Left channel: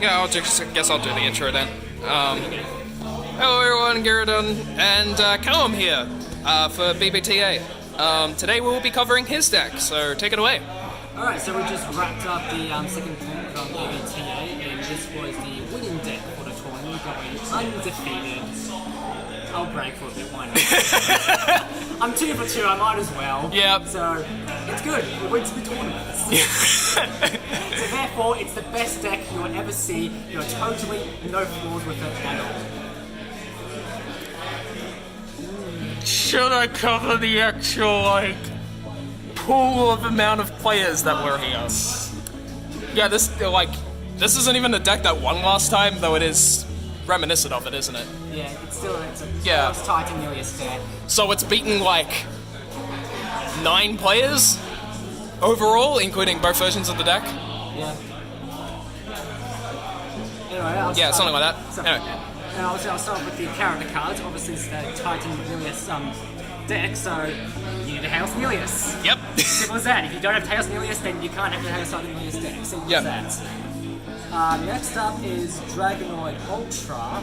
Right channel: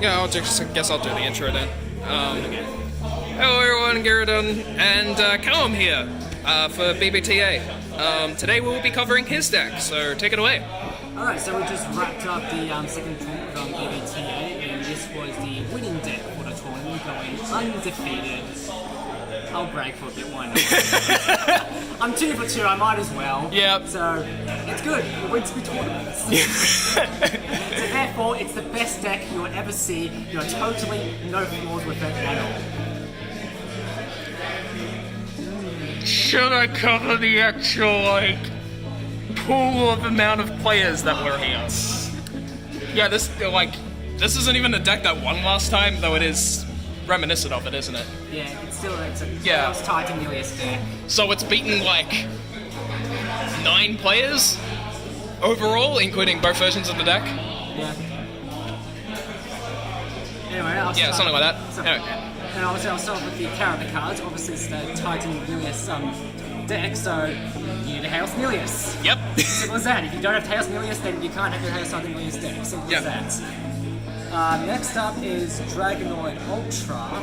Yeah, guess I'll do the intro then. Hello everyone, Gyarados and Callum here for B.B.T.A. Today we'll be covering his deck, so take it away. Alright, so we just wrapped up the second tournament on BBTA, and this was the winning deck for the tournament, going undefeated. I'll break for a bit, why not? I'm 2 for 2, I might as well. Yep. So, it's good. It wins good tournaments. So therefore, it's the best deck you'll ever see. You're totally no flaws with it at all. Should I cover the actual, pool of amount of players that were here? Yeah, this isn't even the deck that won last time, though it is reminiscent of it, isn't it? Yeah, it's a Yeah. Haos Titan Nillious deck. So it's beaten, 9 players overall, including both versions of the deck? Yeah. Anyway, Something like that. Anyway. And obviously I'll start with the character cards. Obviously it's the Titan Nillious deck, so you need a Haos Nillious. Yep. Simple as that. If you don't have Haos Nillious, then you can't have the Haos Titan Nillious deck. Simple as that. Next up is Dragonoid Ultra,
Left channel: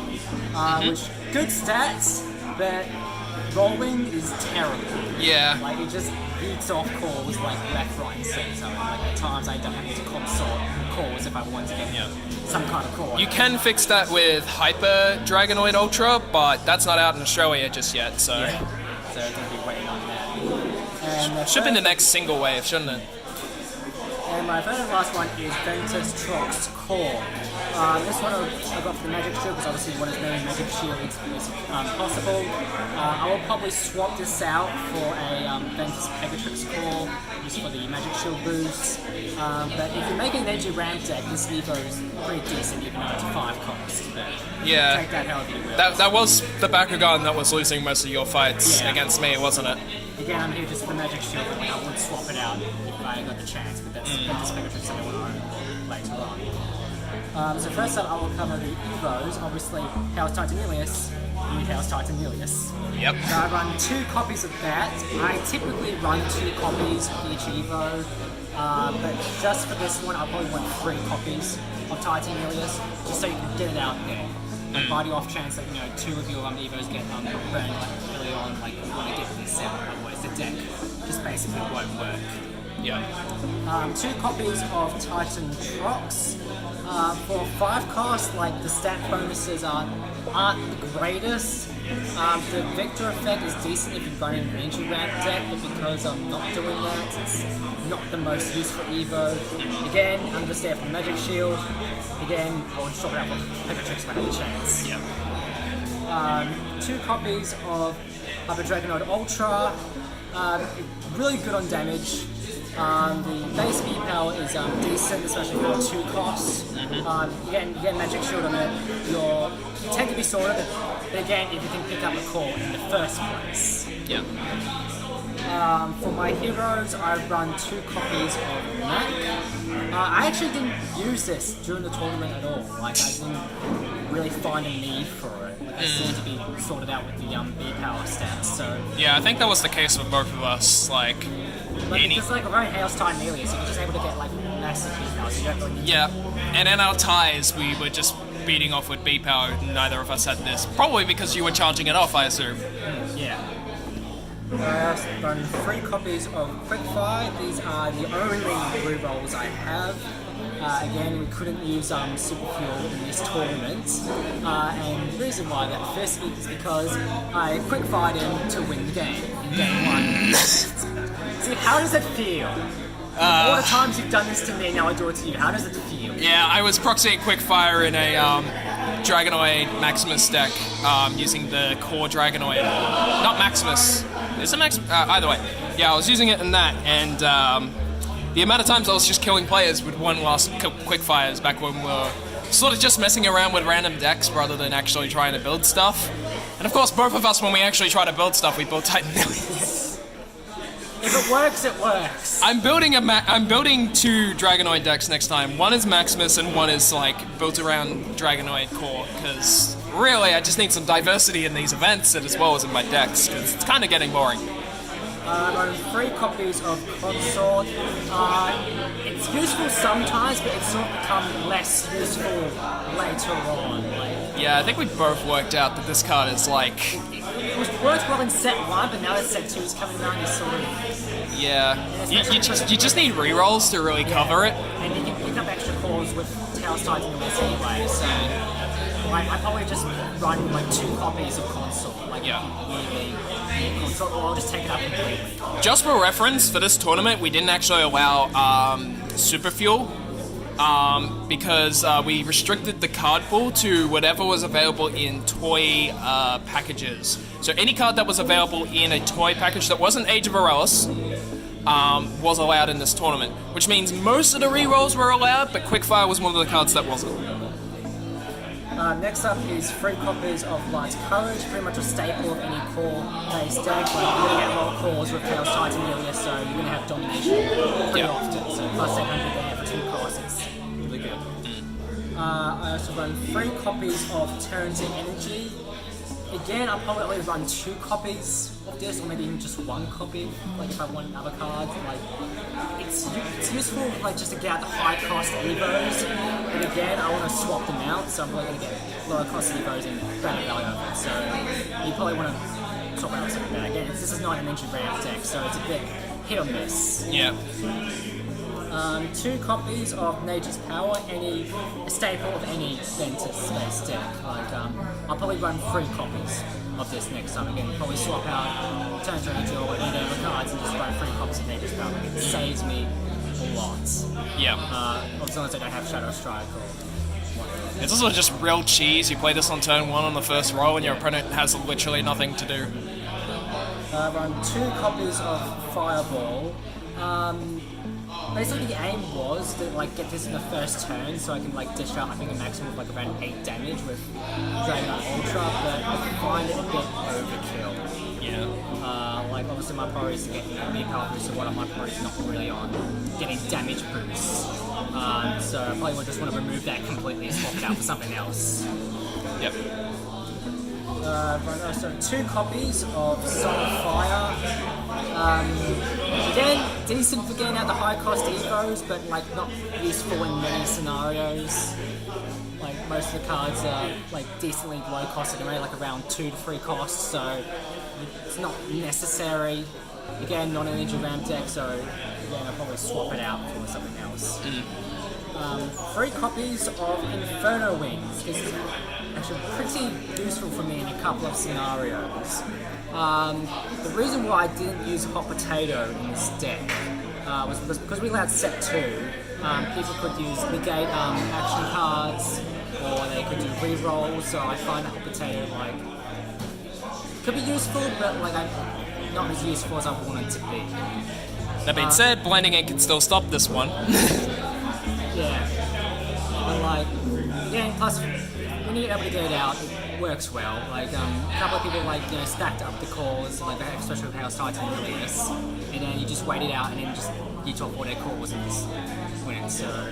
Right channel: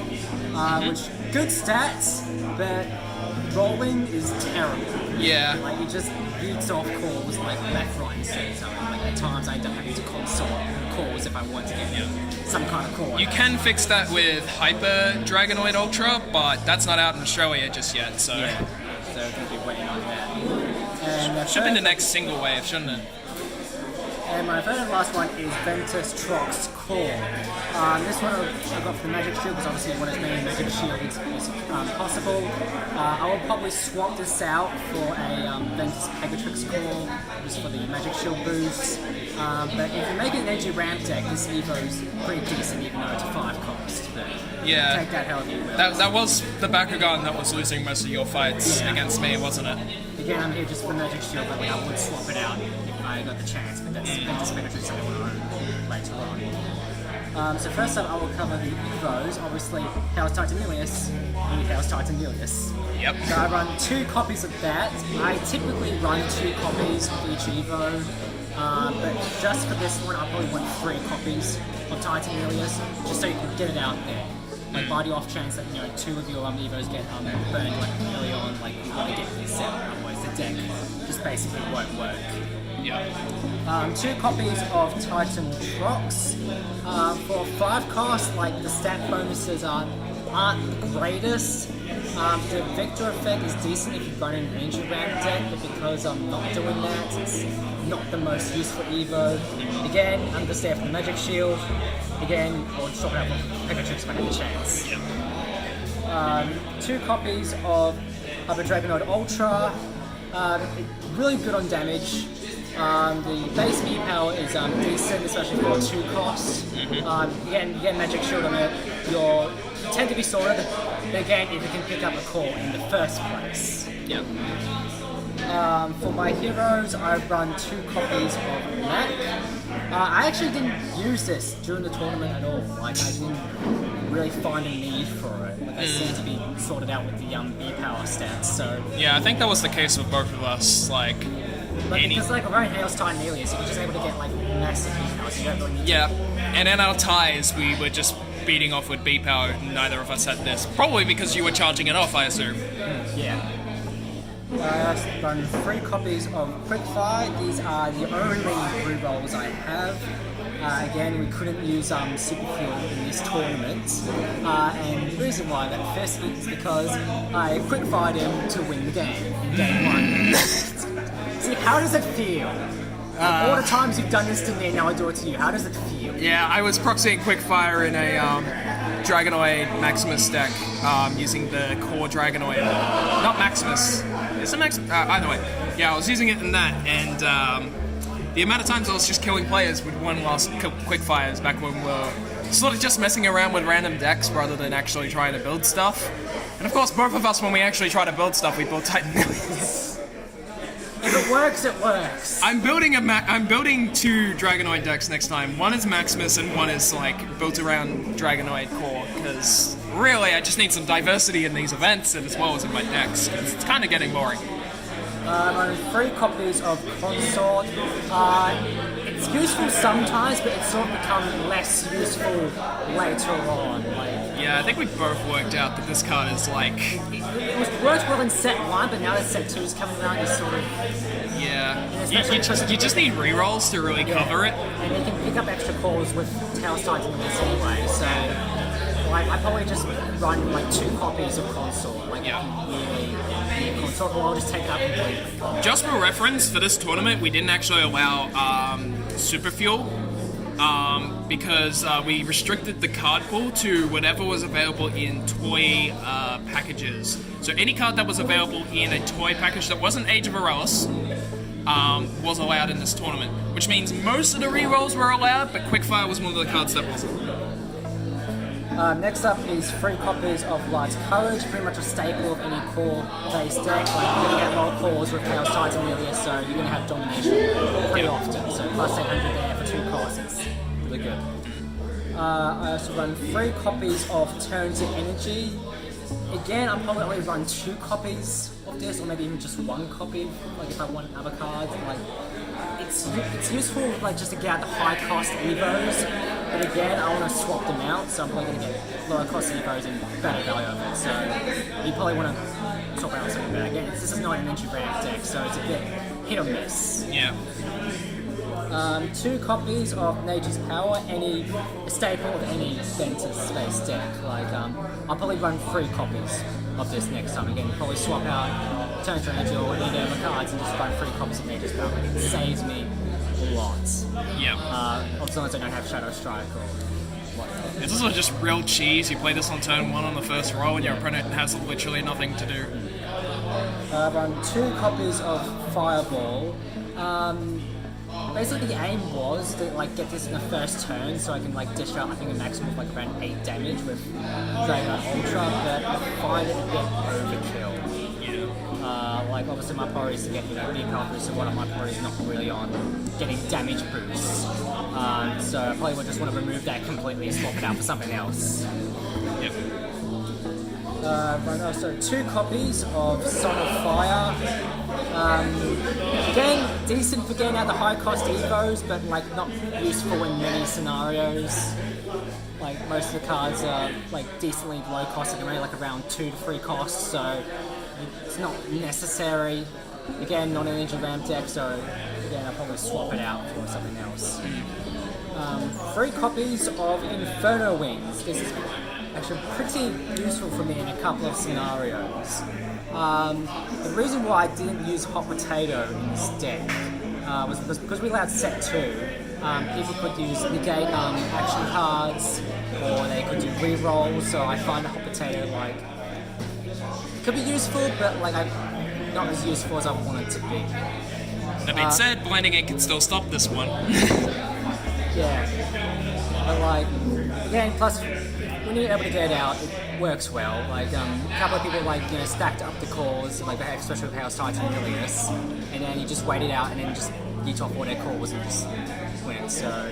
which good stats, but rolling is terrible. Yeah. It just beats off calls left, right, and centre. And at times I end up having to consort calls if I want to get some kind of call. You can fix that with Hyper Dragonoid Ultra, but that's not out in Australia just yet, so... Yeah. So I'm going to be waiting on that. And should be the next single wave, shouldn't it? And my third and last one is Ventus Trox Core. This one I got for the Magic Shield because obviously one as many Magic Shields as possible. I will probably swap this out for a Ventus Pegatrix Core just for the Magic Shield boost. But if you make it an edgy ramp deck, this Evo is pretty decent even though it's a 5 cost. But yeah, take that however you will. That was the Bakugan that was losing most of your fights against me, wasn't it? Again, I'm here just for the Magic Shield, but I would swap it out if I got the chance. But that's Ventus Pegatrix I don't want to own later on. So first up, I will cover the Evos. Obviously, Haos Titan Nillious. You need Haos Titan Nillious. Yep. So I run 2 copies of that. I typically run 2 copies of each Evo, but just for this one, I probably want 3 copies of Titan Nillious, just so you can get it out there. By the off chance that 2 of your Evos get burned early on, you want to get this out. Otherwise, the deck just basically won't work. Yeah. 2 copies of Titan Trox. For 5 cost, the stat bonuses aren't the greatest. The Victor effect is decent if you're running an energy ramp deck, but because I'm not doing that, it's not the most useful Evo. Again, I'm just there for the Magic Shield. Again, I'll swap it out for Pegatrix if I have the chance. Yep. 2 copies of Hyper Dragonoid Ultra. Really good on damage. The base E power is decent, especially for 2 costs. Again, you get Magic Shield on it. You tend to be sorted, but again, if you can pick up a call in the first place. Yep. For my heroes, I run 2 copies of Mac. I actually didn't use this during the tournament at all. I didn't really find a need for it. I seem to be sorted out with the B power stats. So yeah, I think that was the case for both of us. because around Haos Titan Nillious, you're just able to get massive B power, so you don't really need to. And in our ties, we were just beating off with B power. Neither of us had this, probably because you were charging it off, I assume. Yeah. I run 3 copies of Quickfire. These are the only rerolls I have. Again, we couldn't use Super Fuel in this tournament, and the reason why that first is because I Quickfired him to win the game in game 1. See, how does it feel? All the times you've done this to me, now I do it to you. How does it feel? Yeah, I was proxying Quickfire in a Dragonoid Maximus deck, using the core Dragonoid. Not Maximus. Is it Maximus? Either way. Yeah, I was using it in that, and the amount of times I was just killing players with one last Quickfires back when we were sort of just messing around with random decks rather than actually trying to build stuff. And of course, both of us, when we actually try to build stuff, we build Titan Nillious. If it works, it works. I'm building 2 Dragonoid decks next time. One is Maximus and one is built around Dragonoid core, because really I just need some diversity in these events and as well as in my decks, because it's kind of getting boring. Run 3 copies of Consort. It's useful sometimes, but it's sort of become less useful later on. Yeah, I think we both worked out that this card is like... It worked well in set 1, but now that set 2 is coming around, you sort of... Yeah, you just need rerolls to really cover it. And you can pick up extra calls with Haos Titan Nillious anyway, so... I probably just run 2 copies of Consort, if you really need Consort, or I'll just take it up completely. Just for reference, for this tournament, we didn't actually allow Super Fuel, because we restricted the card pool to whatever was available in toy packages. So any card that was available in a toy package that wasn't Age of Aurelis was allowed in this tournament, which means most of the rerolls were allowed, but Quickfire was one of the cards that wasn't. Next up is 3 copies of Light's Courage, pretty much a staple of any core-based deck. You're going to get roll calls with Haos Titan Nillious, so you're going to have domination pretty often. So plus 800 there for 2 costs, it's really good. I also run 3 copies of Turn to Energy. Again, I'll probably only run 2 copies of this, or maybe even just 1 copy, if I want other cards. It's useful just to get out the high cost Evos, but again, I want to swap them out, so I'm probably going to get lower cost Evos and better value of it. So you probably want to swap out something better. Again, this is not an entry ramp deck, so it's a bit hit or miss. Yeah. 2 copies of Nature's Power, a staple of any Ventus space deck. I'll probably run 3 copies of this next time. Again, probably swap out Turn to Energy or any other cards and just run 3 copies of Nature's Power. It saves me a lot. Yeah. As long as I don't have Shadow Strike or whatnot. It's also just real cheese. You play this on turn 1 on the first roll and your opponent has literally nothing to do. Run 2 copies of Fireball. Basically, the aim was to get this in the first turn, so I can dish out I think a maximum of around 8 damage with Dragon Ultra, but I find it a bit overkill. Yeah. Obviously my priority is to get B.B.T.A boost, so one of my priorities is not really on getting damage boosts. So I probably would just want to remove that completely and swap it out for something else. Yep. Run also 2 copies of Son of Fire. Again, decent for getting out the high cost Evos, but not useful in many scenarios. Most of the cards are decently low cost anyway, around 2 to 3 costs, so it's not necessary. Again, not an energy ramp deck, so again I'll probably swap it out for something else. 3 copies of Inferno Wings. This is actually pretty useful for me in a couple of scenarios. The reason why I didn't use Hot Potato in this deck was because we allowed set 2, people could use negate action cards, or they could do rerolls, so I find the Hot Potato could be useful, but not as useful as I want it to be. That being said, Blinding Ink can still stop this one. Yeah. But again, plus when you're able to get it out, it works well. A couple of people stacked up the cores, especially with Haos Titan Nillious, and then you just wait it out and then just get off all their cores and just win. So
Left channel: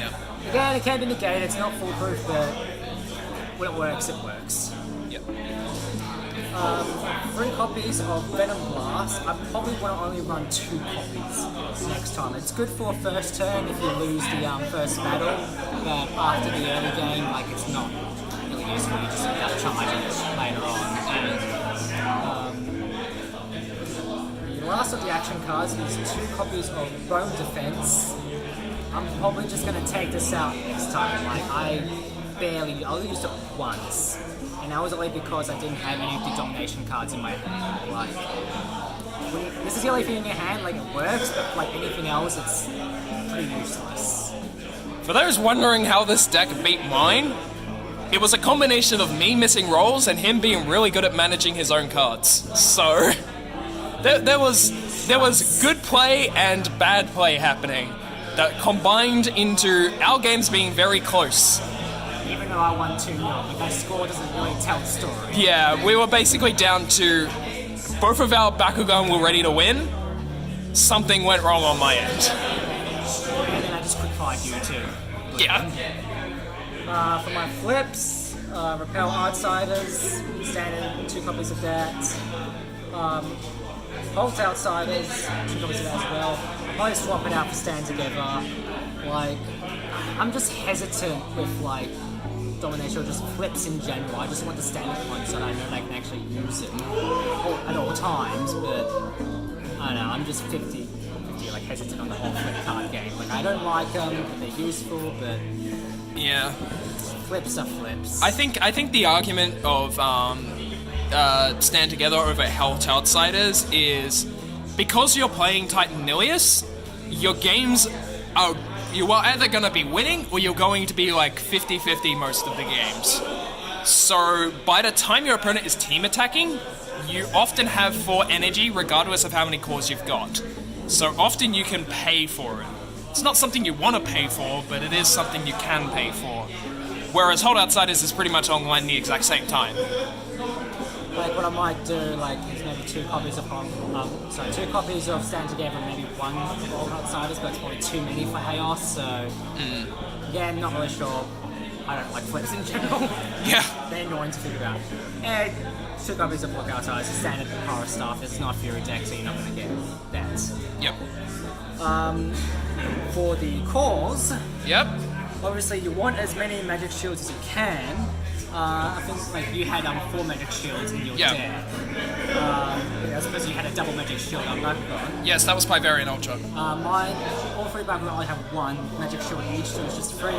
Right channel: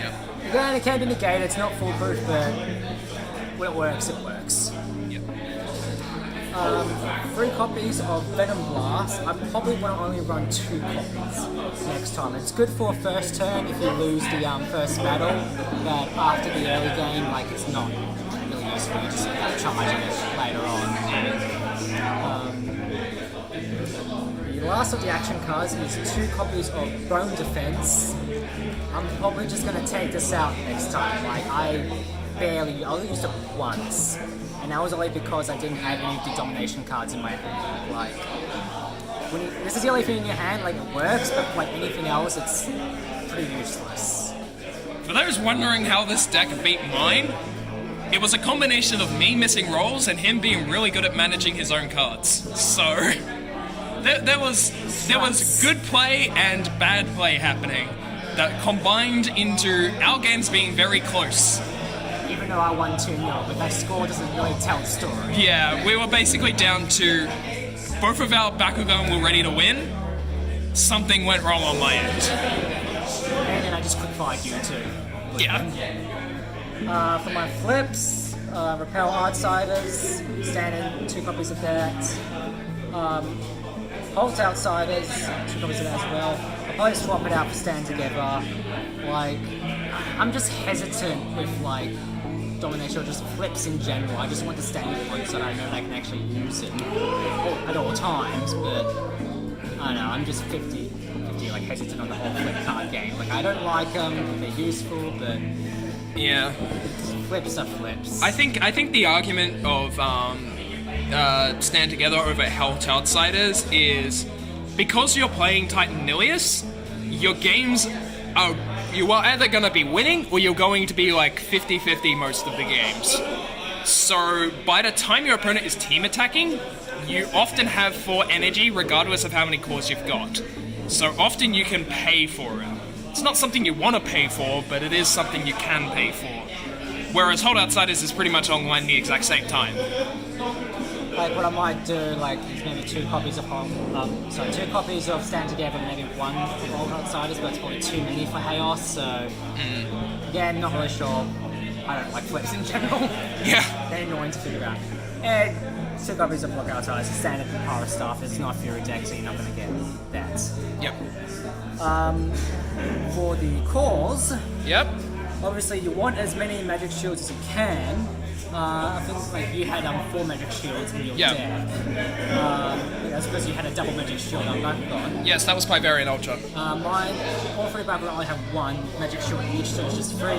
Yep. again, it can be negated. It's not foolproof, but when it works, it works. Yep. 3 copies of Venom Blast. I probably want to only run 2 copies next time. It's good for first turn if you lose the first battle, but after the early game, it's not really useful. You just end up charging it later on. The last of the action cards is 2 copies of Bone Defense. I'm probably just going to take this out next time. I only used it once. And that was only because I didn't have any of the domination cards in my hand. This is the only thing in your hand, it works, but anything else, it's pretty useless. For those wondering how this deck beat mine, it was a combination of me missing rolls and him being really good at managing his own cards. So there was good play and bad play happening that combined into our games being very close. Even though I won 2-0, but that score doesn't really tell the story. Yeah, we were basically down to both of our Bakugan were ready to win. Something went wrong on my end. And then I just quick-fired you too. Yeah. For my flips, Repel Outsiders, standard 2 copies of that. Haos Outsiders, 2 copies of that as well. I'll probably swap it out for Stand Together. Like, I'm just hesitant with like domination or just flips in general. I just want the standard ones so that I know they can actually use them at all times, but I don't know, I'm just 50 like hesitant on the whole flip card game. Like, I don't like them, they're useful, but yeah, flips are flips. I think the argument of Stand Together over Haos Outsiders is because you're playing Titan Nillious, your games are, you are either going to be winning or you're going to be like 50-50 most of the games. So by the time your opponent is team attacking, you often have 4 energy regardless of how many cores you've got. So often you can pay for it. It's not something you want to pay for, but it is something you can pay for. Whereas Haos Outsiders is pretty much online the exact same time. Like, what I might do, like, is maybe 2 copies of 2 copies of Stand Together, maybe 1 of Haos Outsiders, but it's probably too many for Haos, so again, not really sure. I don't like flips in general. Yeah. They're annoying to figure out. And 2 copies of Haos Outsiders, standard horror stuff. It's not Fury deck, so you're not going to get that. Yep. For the cores, Yep. obviously you want as many magic shields as you can. I think like you had 4 magic shields in your deck. I suppose you had a double magic shield on Bakugan. Yes, that was Pivarian Ultra. Mine, all 3 Bakugan only have 1 magic shield each, so it's just 3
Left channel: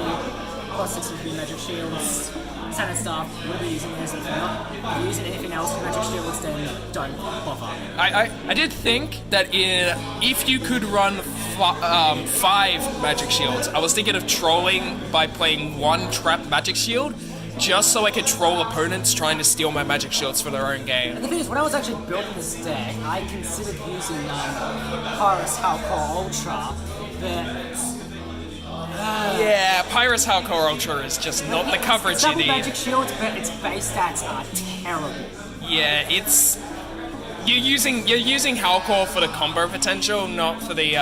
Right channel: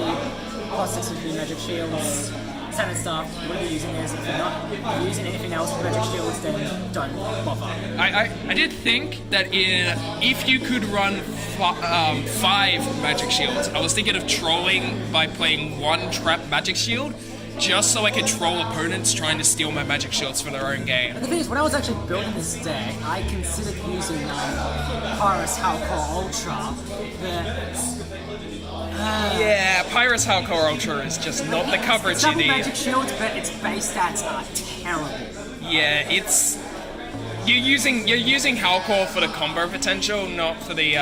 plus 6 of 3 magic shields. Standard stuff. You wouldn't be using this. If you're using anything else with magic shields, then don't bother. I did think that if you could run 5 magic shields, I was thinking of trolling by playing 1 trap magic shield, just so I could troll opponents trying to steal my magic shields for their own game. The thing is, when I was actually building this deck, I considered using Haos Hardcore Ultra, but yeah, Pyrus Hardcore Ultra is just not the coverage you need. Magic shields, but its base stats are terrible. Yeah, it's you're using Hardcore for the combo potential, not for the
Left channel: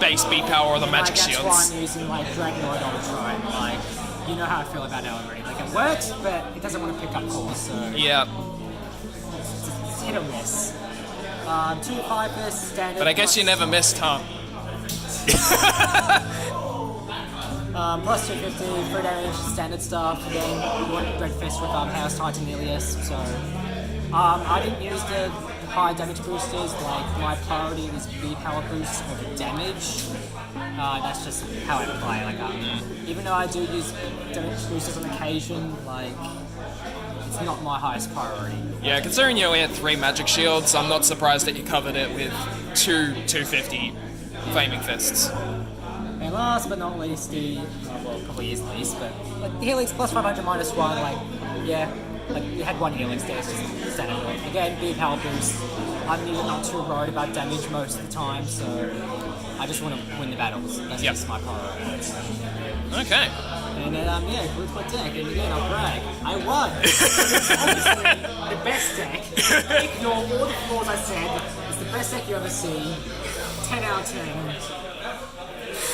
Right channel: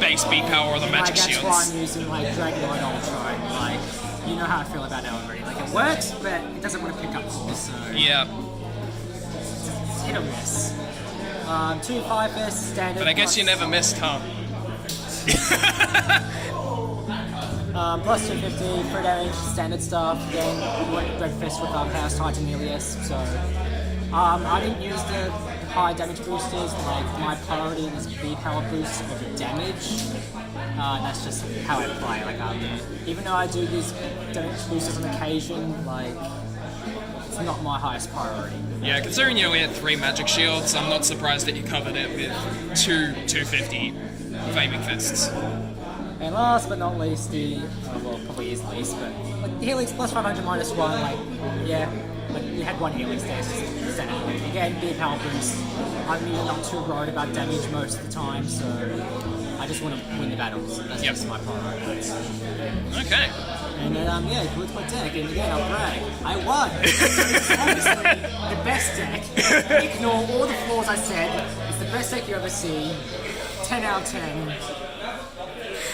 base B power or the magic shields. That's why I'm using like Dragonoid Ultra and like, you know how I feel about that already. Like, it works, but it doesn't want to pick up cores, so yeah, it's hit or miss. 2 5-fist standard. But I guess you never missed, huh? Plus 250, 3 damage, standard stuff. Again, you want Red Fist with Haos Titan Nillious, so I didn't use the high damage boosters. Like, my priority is B.B.T.A boosts over damage. That's just how I play. Like, even though I do use damage boosters on occasion, like, it's not my highest priority. Yeah, considering you only had 3 magic shields, I'm not surprised that you covered it with 250 Flaming Fists. And last but not least, well, probably is least, but like the Helix plus 500 minus 1, like, yeah, like you had 1 Helix there, it's just standard. Again, B.B.T.A boost. I'm even not too worried about damage most of the time, so I just want to win the battles. That's just my priority. Okay. And yeah, good my deck, and again, I'll brag. I won! It's obviously the best deck. Ignore all the flaws I said. It's the best deck you ever see. 10 out of 10.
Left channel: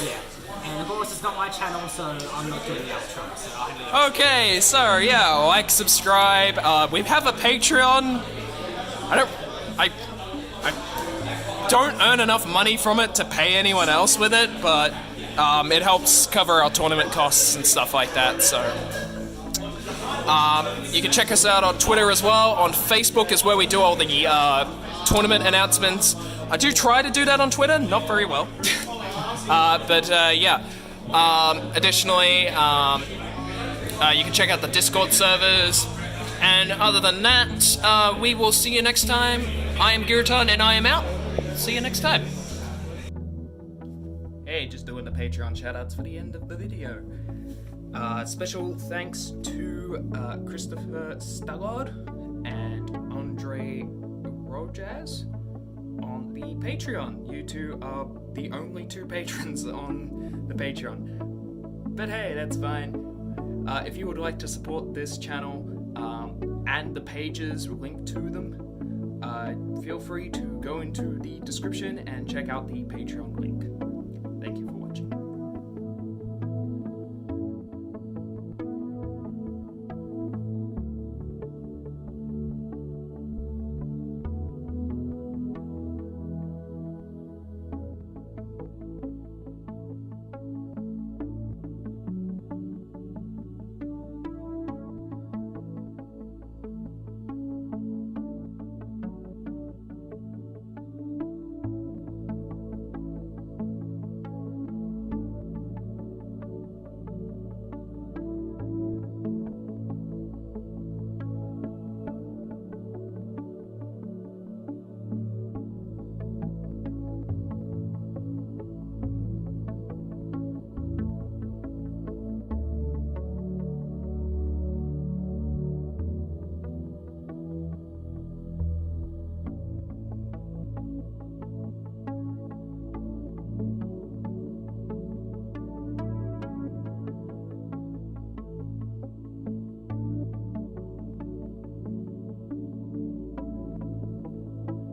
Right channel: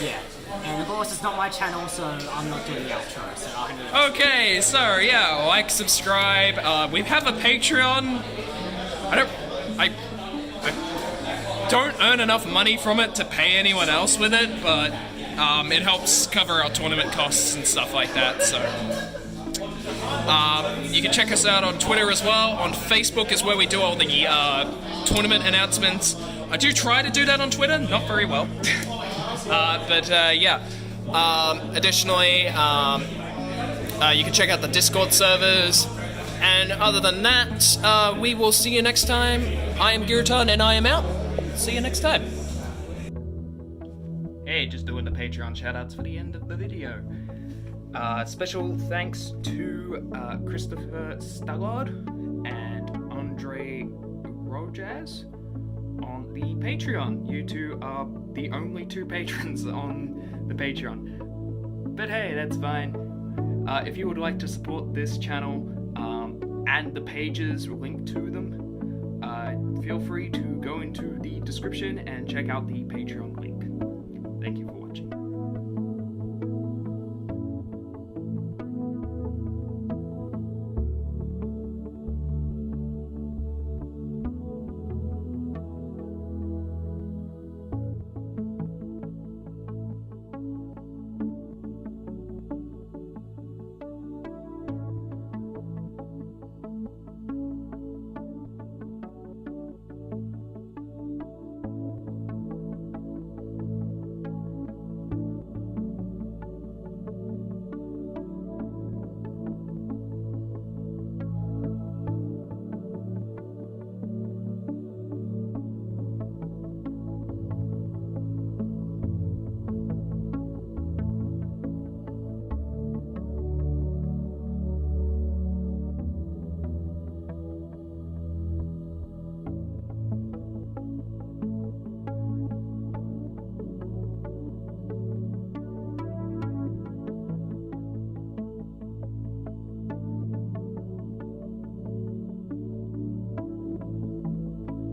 Yeah. And of course, it's not my channel, so I'm not doing the outro, so I'll hand it over. Okay, so yeah, like, subscribe. We have a Patreon. I don't earn enough money from it to pay anyone else with it, but it helps cover our tournament costs and stuff like that, so you can check us out on Twitter as well. On Facebook is where we do all the tournament announcements. I do try to do that on Twitter, not very well. But yeah. Additionally, you can check out the Discord servers. And other than that, we will see you next time. I am Giraton and I am out. See you next time. Hey, just doing the Patreon shoutouts for the end of the video. Special thanks to Christopher Stagard and Andre Rojaz on the Patreon. You two are the only 2 patrons on the Patreon. But hey, that's fine. If you would like to support this channel and the pages linked to them, feel free to go into the description and check out the Patreon link. Thank you for